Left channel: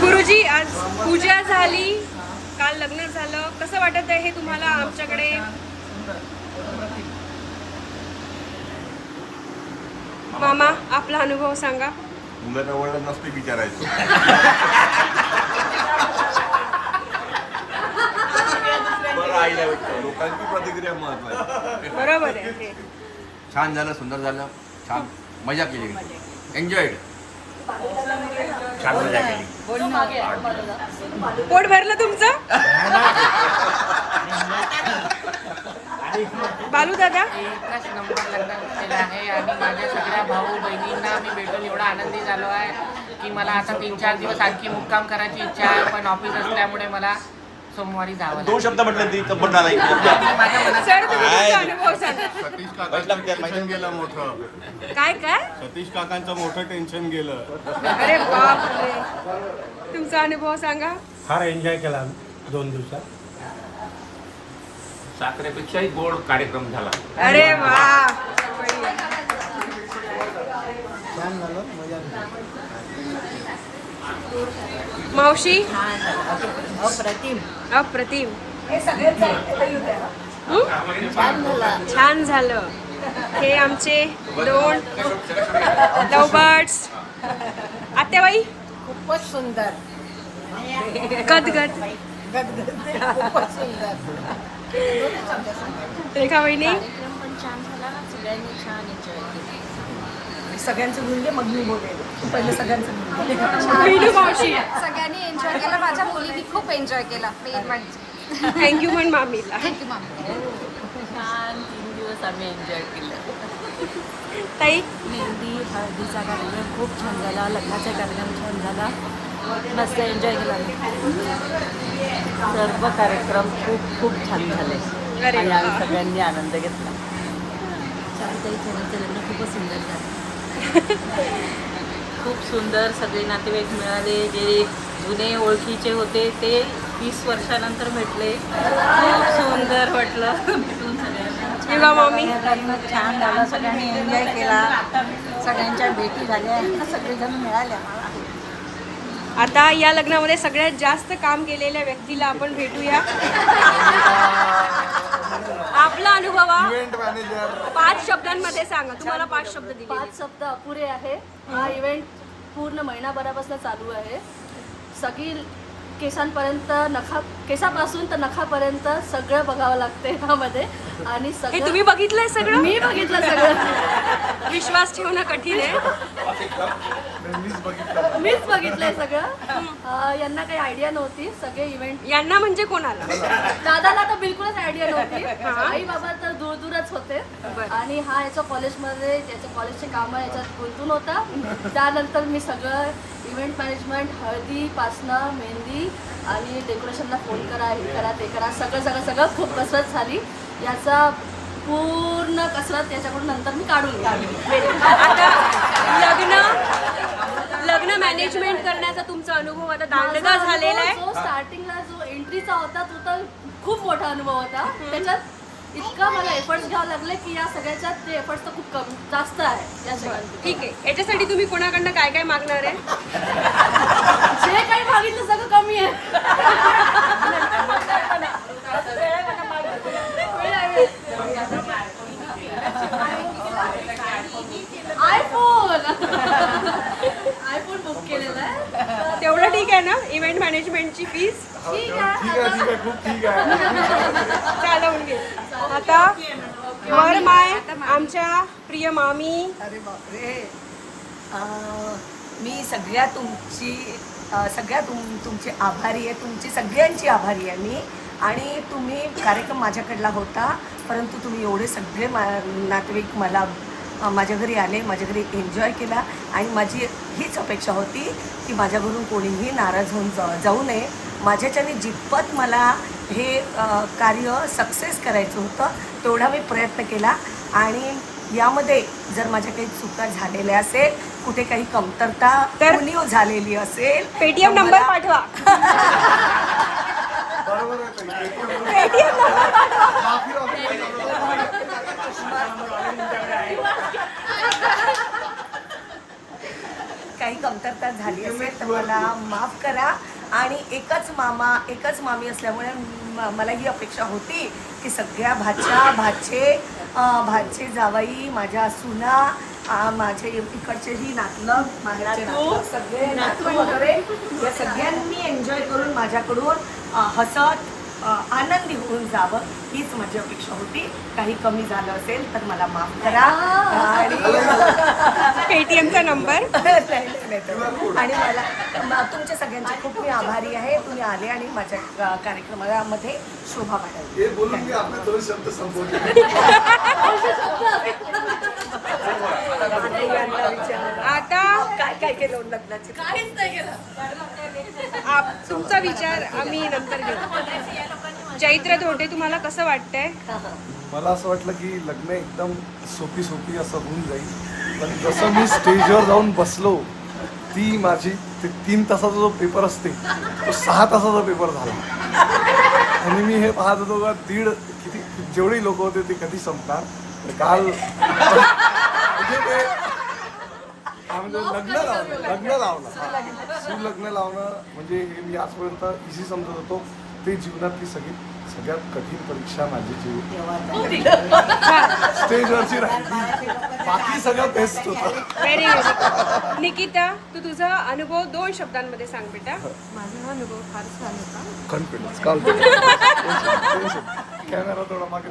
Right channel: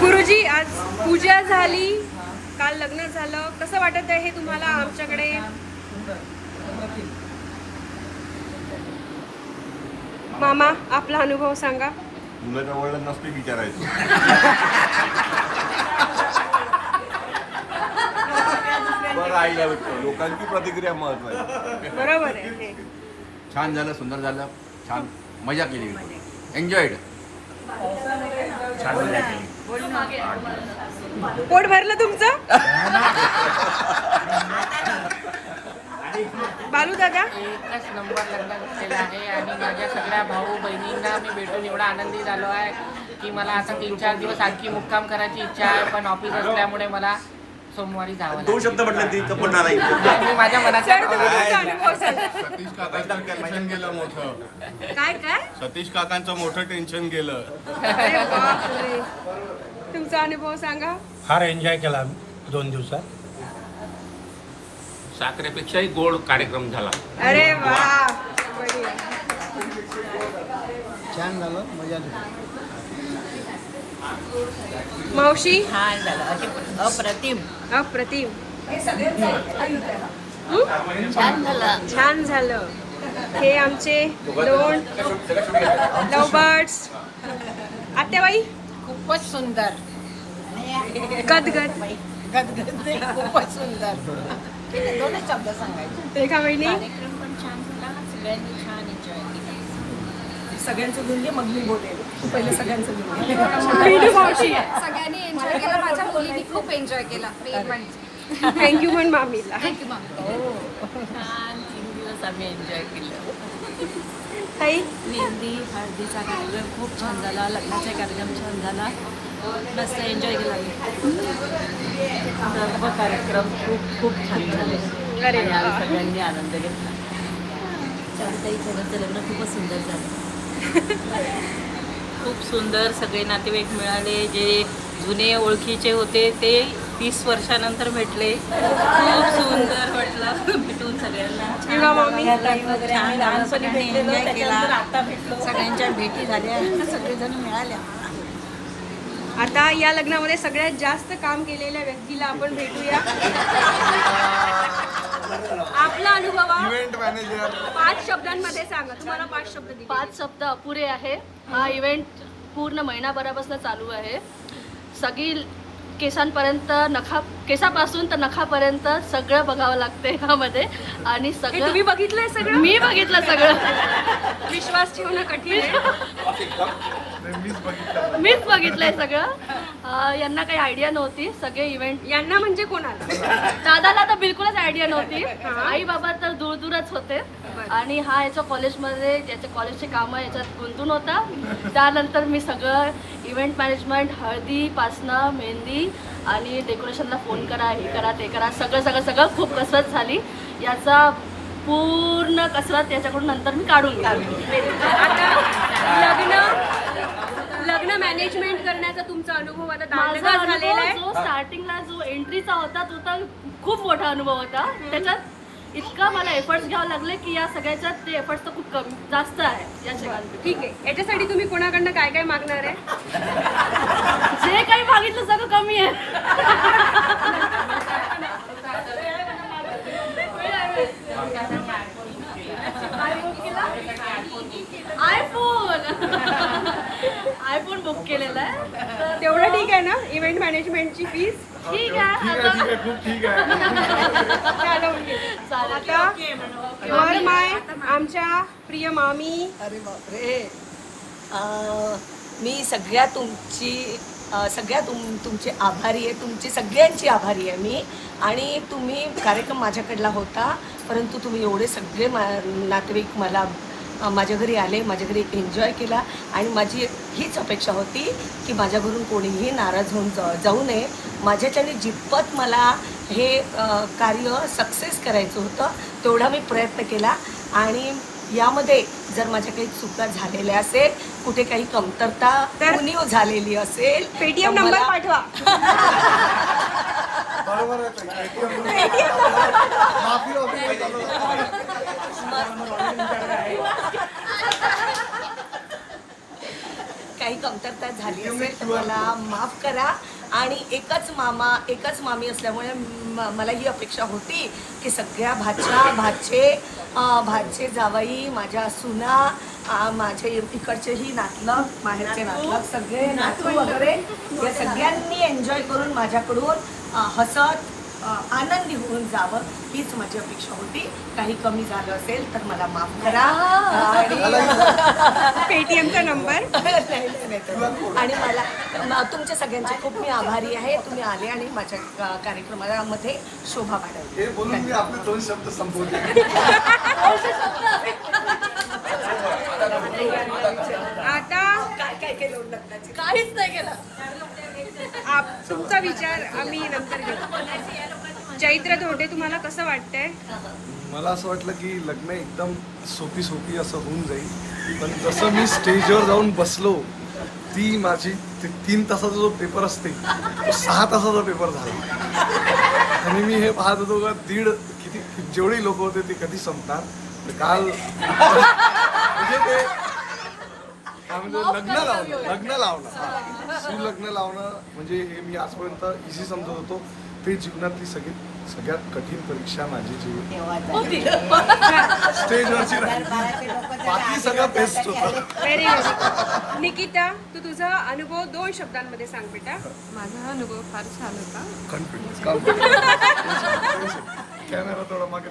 गुरुजी, आज पूजा झाली, काल लग्न झालं, कसं वाटत आहे हे तुम्हाला आमच्याकडे? मामा, आपला अनुभव सांगा. मुलाच्या वडिलांना नसते विचारायचं. लोकांची प्रतिक्रिया महत्वाची. बरोबर आहे हे. छान झालं, सुंदर झालं, छान मजा केली, एन्जॉयड. छान मजा केली. पोट भरलं तुमचं? बालू दादा, एकच नंबर लग्न केलेलं आहे आणि माझ्या सगळ्या भाऊ बहिणींना मी भेटून एवढा आनंदी झालो आहे की मला आता 3-4 दिवस आणखी मुक्काम करायची इच्छा आहे, पण ऑफिस असल्यामुळे मला सोमवारी जावं लागेल. 2 शब्द म्हटले ती कपडा नाही. माझ्या मनात सर तुम्ही तुमचा अनुभव सांगा. सतीश काकांचं टेन्शन गेलं मोठं. काय काय? सतीश काकांचं मोठं टेन्शन गेलं. अरे बापरे, तुमचा अनुभव सांगा. फार एन्जॉय केला आम्ही 2 दिवसात. साखरेपेक्षाही गोड कार्यक्रम झाला. अरे वा, बढिया. छान झालं, मजा आली. मावशी, छान झालं, अप्रतिम. अप्रतिम. छान झालं. छान झालं. हे आमचे 2 लवबर्ड्स. आत्याबाई, खूपच सुंदर. गदगद. खूपच सुंदर. रेखा वहिनी, कार्यक्रम पण छान झाला, सगळ्यांनी छान एन्जॉय केला. सगळ्यांचं घेऊन घे, मग मी बोलेल. तू पहिले सगळ्यांचं घेऊन घे. मीनू मावशी, सगळ्यांनी एन्जॉय केला. माझ्या मुलीनी खूप एन्जॉय केला. थँक्यू पण मामीला. Thank you ma'am. छान 3 दिवस आम्ही एन्जॉय केलं. ताई, मेहंदी हळदीचा कार्यक्रम खूप छान झाला, लग्नाचा कार्यक्रम छान झाला, मस्त एन्जॉय केला आम्ही. सर्व कार्यक्रम खूप खूप छान झाले अरे आणि वा. आम्ही सगळ्यांनी आनंद घेतला. चालूताई खरंच लग्न खूपच सुंदर झालं. खूप सुंदर सगळे नातेवाईक मिळाले. जे जुने ओळखीचे होते ते 30 वर्षानंतर भेटले. खूप सुंदर वाटलं भेटून सगळ्यांना. युवा मामी, लग्न छान झालं, सगळ्यांनी एन्जॉय केला, सगळ्यांच्या भेटी झाल्या, सगळेजण मिळाल्या. आता या लग्नामध्ये सगळ्यात जास्त काम केलेल्या व्यक्तीला आपण भेटूया. आपला अनुभव इव्हेंट मॅनेजर 5 शब्दांमध्ये सांगा. तुम्हाला 5 शब्द दिले. 5 शब्द अपुरे आहे. हा इव्हेंट पूर्ण महिनाभरापासून चालू आहे. सगळी केसांपर्यंत केसापासून तर नखापर्यंत सगळं बघावं लागते ह्यामध्ये. आणि हे सगळं तुम्ही बघितलंय सगळं? मी बघितलं सगळं. विश्वास ठेवणं कठीण आहे. मीच बघितलंय सगळं. यांना काही आयडिया नव्हती. सगळे इव्हेंट यांना म्हणजे कोणाला? दादाला तर बिलकुलच आयडिया नव्हती. आई बाबा तर दूरच होते. आणि हा याच्या कॉलेजमध्ये याच्या कॉलेजचे कामं याच्यात गुंतून होता. त्यानंतर मी सगळं इव्हेंट मॅनेजमेंट, हळदीपासनं मेहंदी आणि डेकोरेशनला फोन करा, हे करा, ते करा, सगळं खूप कसरत झाली. याचा पूर्ण कसरत याच्याकडून नंतर मी काढून घ्यावी. आता लग्न मॅनेजमेंट करण्याचा तुमचा अनुभव आता दांडगा झालेला आहे. जो स्टार्टिंगला जो एंट्रीचा होता तो तर खूप मोठा अनुभव होता. त्याच्यात इतका मला एफर्ट्स घ्यावं लागले की या सगळ्याच्यात ते एफर्ट्स तर खूप कमी जास्त आहे या सगळ्यांचे. ठीक आहे, याच्यासाठी तुम्ही कोणाकडनं काय काय मागणार आहे? जे काही मागितलं सगळं कमी आहे. आयफोन बुक केलेला आहे. तेवढं ठीक आहे ना? इव्हेंट मॅनेजमेंटची फीस ठीक आहे. चालवून घेऊ. आता वर माय आमच्या प्रिय मामी. अरे बापरे, मी तुमची आभारी आहे, तुमची सगळ्यांची आभारी आहे मी. आणि तुम्ही कार्यक्रम माझ्याकडला होता, परंतु तुम्ही एवढे सगळे नातेवाईक मला माझ्या घरी आले, माझ्या घरी एन्जॉय केला. आणि माझी हीच अपेक्षा होती की माझ्या घरून कोणीही नाराज होऊन जाऊ नये. माझ्याच्याने जितपत मला हे कार्य सक्सेस करायचं होतं तेवढा मी प्रयत्न केला. आणि यामध्ये जर माझ्या काही चुका झालेल्या असेल, कुठे काही कमतरता तर उणीव झालेली असेल, पेटीएम तर नंबर मला- पाठवा. काही कमतरता झाली असेल तर मला माफ करा. आणि एकच मामा एकच मामी असल्यामुळे मला ही अपेक्षा होती की सगळ्या भाचे जावाई, माझ्या सुना, माझे इकडचेही नातलग, माहेरचे नातलग, सगळे नातू वगैरे या सगळ्यांनी एन्जॉय करून माझ्याकडून हसत आनंदी होऊन जावं हीच माझी अपेक्षा होती. काही कमी झालं असेल तर मला माफ करा. आणि पेटीएमचा नंबर. आणि मला तुमच्या सगळ्यांचे खूप मी आभारी आहे. तुम्ही आले आणि माझ्या कार्यक्रमामध्ये शोभा वाढवली. आता काय केलं लग्नाचे? काहीच नाही केलं. तुमचा विचार आम्ही नंतर घेऊ. चैत्र धोंडे, तुम्हाला कसं वाटतंय? मला असं वाटलं की लग्न एकदम सोपी असं होऊन जाईल, पण जसं मी स्टेजवर जाऊन बसलो, ती माझी 3 तासाचा जो पेपर असते तो 6 तासाचा पेपर झाला. आणि मी हे पाहत होतो का जेवढी लोक होते ते कधी संपणार. काल म्हणजे ते म्हणजे लग्न लावणं सुलग्न लावणं म्हणजे हे मी आजपर्यंत इझी समजत होतो. ते जीवनातली सगळ्यात कठीण परीक्षा माझी स्टेजवरची राहिली. बाकी सगळं बेस्ट होतं. Very very. निकिता, तू तुझा अनुभव 2 शब्दांमध्ये सांग बेटा. माझा अनुभव फार छान होता. कॅमेरा थोडा मागे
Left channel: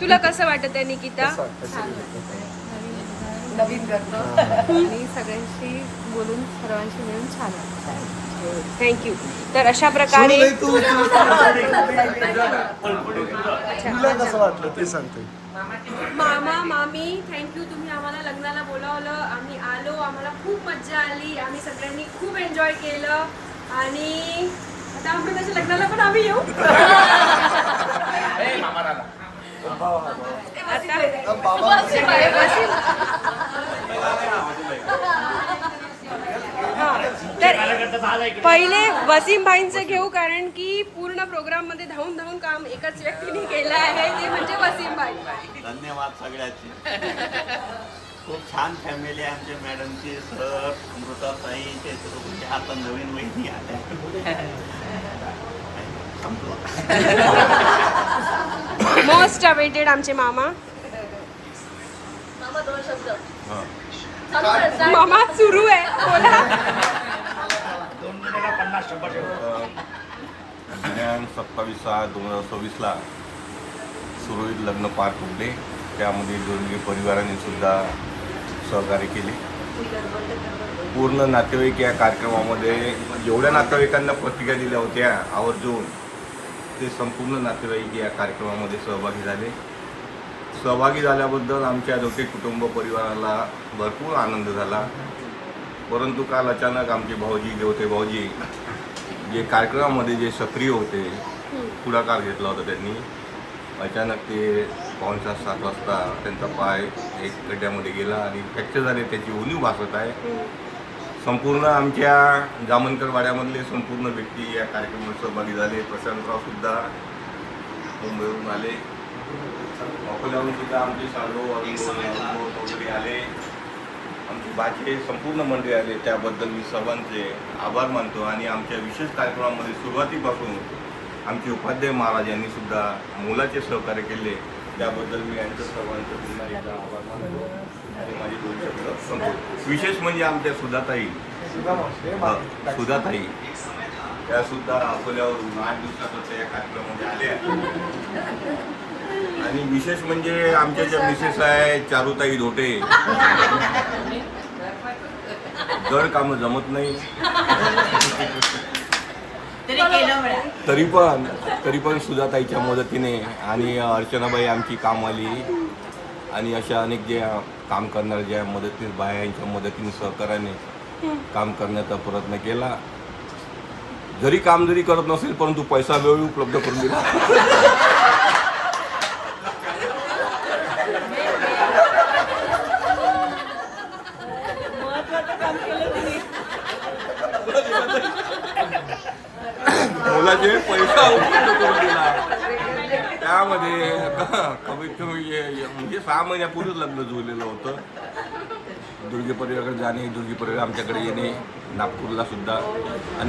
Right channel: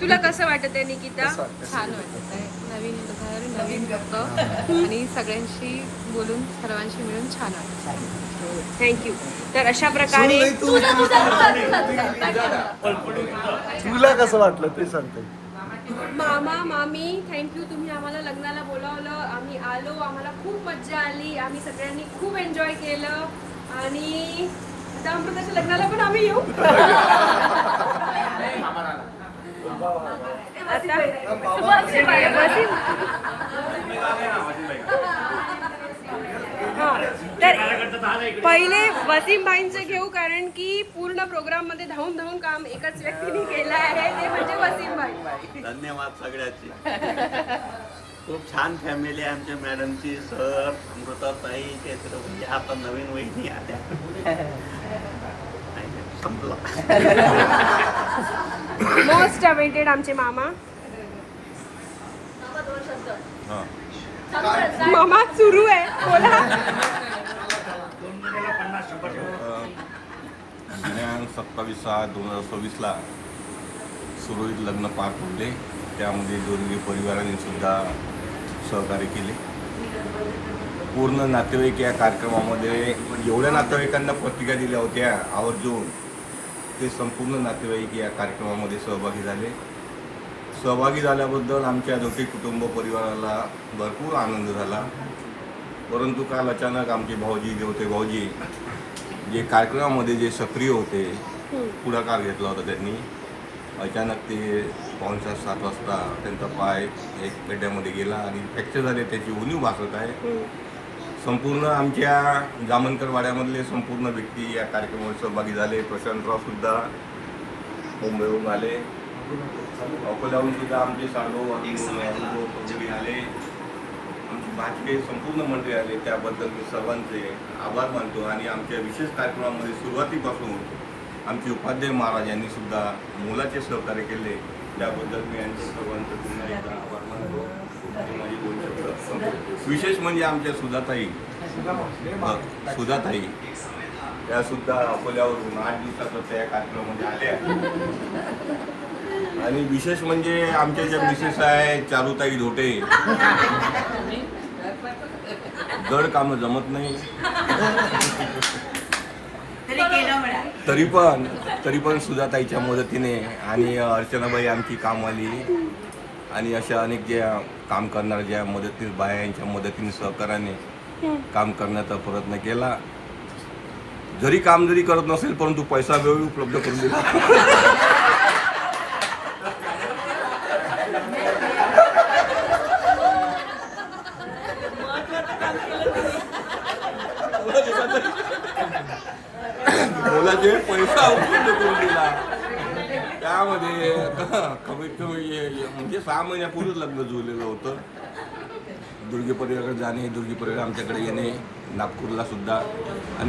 तुला कसं वाटत आहे निकिता? छान वाटत आहे. नवीन करतो आणि सगळ्यांशी बोलून सर्वांशी मिळून छान वाटतं. थँक्यू. तर अशा प्रकारे तुला कसं वाटलं ते सांगते. मामा मामी थँक्यू, तुम्ही आम्हाला लग्नाला बोलावलं, आम्ही आलो, आम्हाला खूप मज्जा आली, आम्ही सगळ्यांनी खूप एन्जॉय केलं. आणि आता अमृताच्या लग्नाला पण आम्ही येऊ. आता वसीम. हां, तर पहिले वसीम भाईंचं घेऊ, कारण की पूर्ण प्रोग्राम मध्ये धावून काम एकाच व्यक्तीने केलं आहे, ते म्हणजे वसीम भाई. धन्यवाद सगळ्याची. खूप छान फॅमिली आहे आमच्या मॅडमची. सर, अमृताताई, त्याच्यामध्ये आता नवीन वहिनी आल्या. संपलं. मोस्ट अवेटेड आमचे मामा. मामा सुरू आहे, बोला. दिनांक 27/6/2026 सुरळीत लग्न पार पडले. त्यामध्ये जोडगी परिवाराने सुद्धा सहकार्य केले. पूर्ण नातेवाईक या कार्यक्रमामध्ये एवढ्या नातेवाईकांना पत्रिका दिल्या होत्या आवर्जून, ते संपूर्ण नातेवाईक या कार्यक्रमामध्ये सहभागी झाले. सहभागी झाल्याबद्दल आमच्या दोघे कुटुंब परिवाराला भरपूर आनंद झाला. परंतु काल अचानक आमचे भाऊजी जे कार्यक्रमामध्ये जे सक्रिय होते, पुढाकार घेतला होता त्यांनी, अचानक ते 6:45-7 वाजता त्यांचा पाय एक गड्ड्यामध्ये गेला आणि फ्रॅक्चर झाले. त्याची उणीव भासत आहे. संपूर्ण आमच्या जामनकर वाड्यामधले संपूर्ण व्यक्ती या कार्यक्रमात सहभागी झाले. प्रशांतराव सुद्धा मुंबईवरून आले. अकोल्याहून सुद्धा आमचे साडू आले. आमचे बाकीचे संपूर्ण मंडळी आले. त्याबद्दल मी सर्वांचे आभार मानतो. आणि आमच्या विशेष कार्यक्रमामध्ये सुरुवातीपासून आमचे उपाध्याय महाराज यांनी सुद्धा मोलाचे सहकार्य केले. त्याबद्दल मी यांचं सर्वांचं पुन्हा एकदा आभार मानतो. विशेष म्हणजे आमच्या सुधाताई, त्या सुद्धा अकोल्यावरून 8 दिवसापासून या कार्यक्रमामध्ये आल्या. आणि विशेष म्हणजे आमच्या ज्या मिसेस आहे चारुताई धोटे, जड कामं जमत नाही, तरी पण सुधाताईच्या मदतीने आणि अर्चनाबाई आमची कामवाली आणि अशा अनेक ज्या काम करणाऱ्या ज्या मदतीने बाया यांच्या मदतीने सहकार्याने काम करण्याचा प्रयत्न केला. जरी करत नसेल परंतु पैसा वेळ उपलब्ध करून दिला. मुलाचे पैसा उपलब्ध करून दिला. त्यामध्ये कमीत कमी म्हणजे 6 महिन्यापूर्वीच लग्न जुळलेलं होतं. दुर्गे परिवाराकडे जाणे, दुर्गे परिवार आमच्याकडे येणे, नागपूरला सुद्धा. आणि